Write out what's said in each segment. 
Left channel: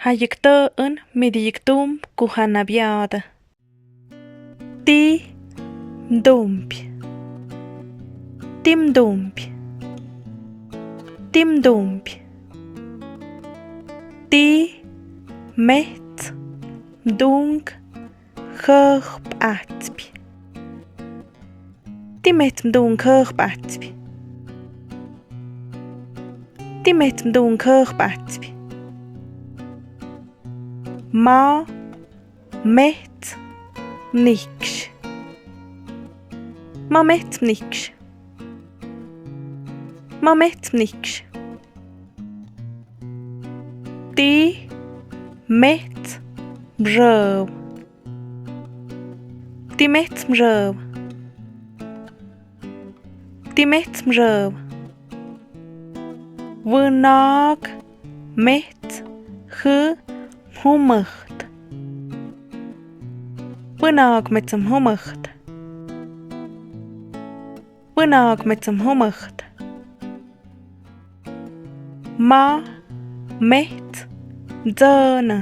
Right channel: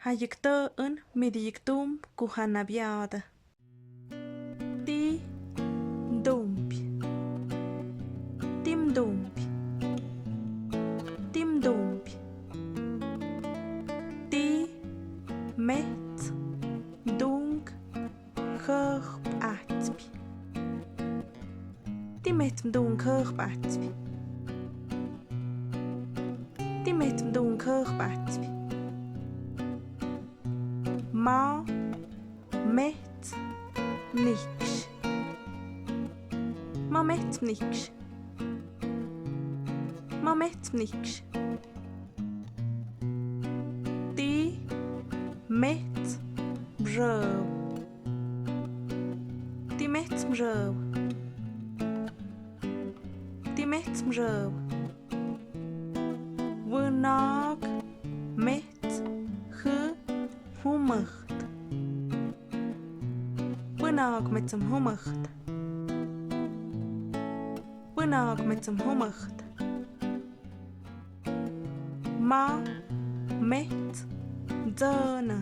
Hayekto'en midiyektum kuhanabiada. Ti mdumpi. Timdumpi. Timdumpi. Ti met mdung khp'atspi. Ti met mdung khp'atspi. Ti met mdung khp'atspi. Ma met niksh. Ma met niksh. Ma met niksh. Ti met mrøv. Ti met mrøv. Ti met mrøv. Vënag met humërt. Vënag met humërt. Vënag met humërt. Ma met mdzënë.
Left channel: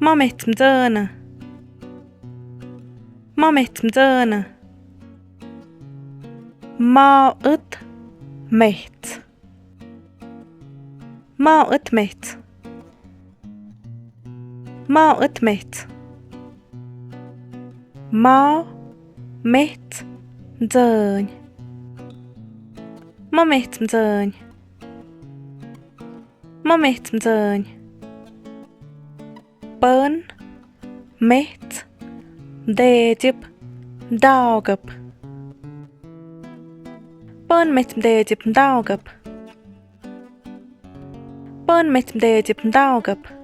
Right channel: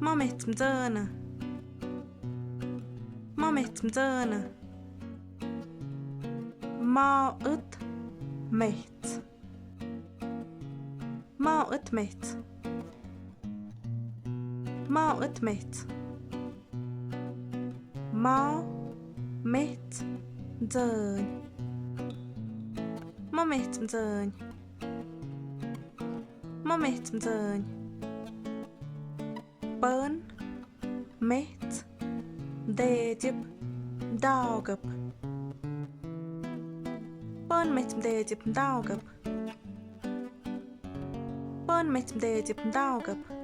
Ma met mdzënë. Ma met mdzënë. Ma ët met. Ma ët met. Ma ët met. Ma met mdzënj. Ma met mdzënj. Ma met mdzënj. Pën met mdedjëp mdagëp. Pën met mdedjëp mdagëp. Pën met mdedjëp mdagëp.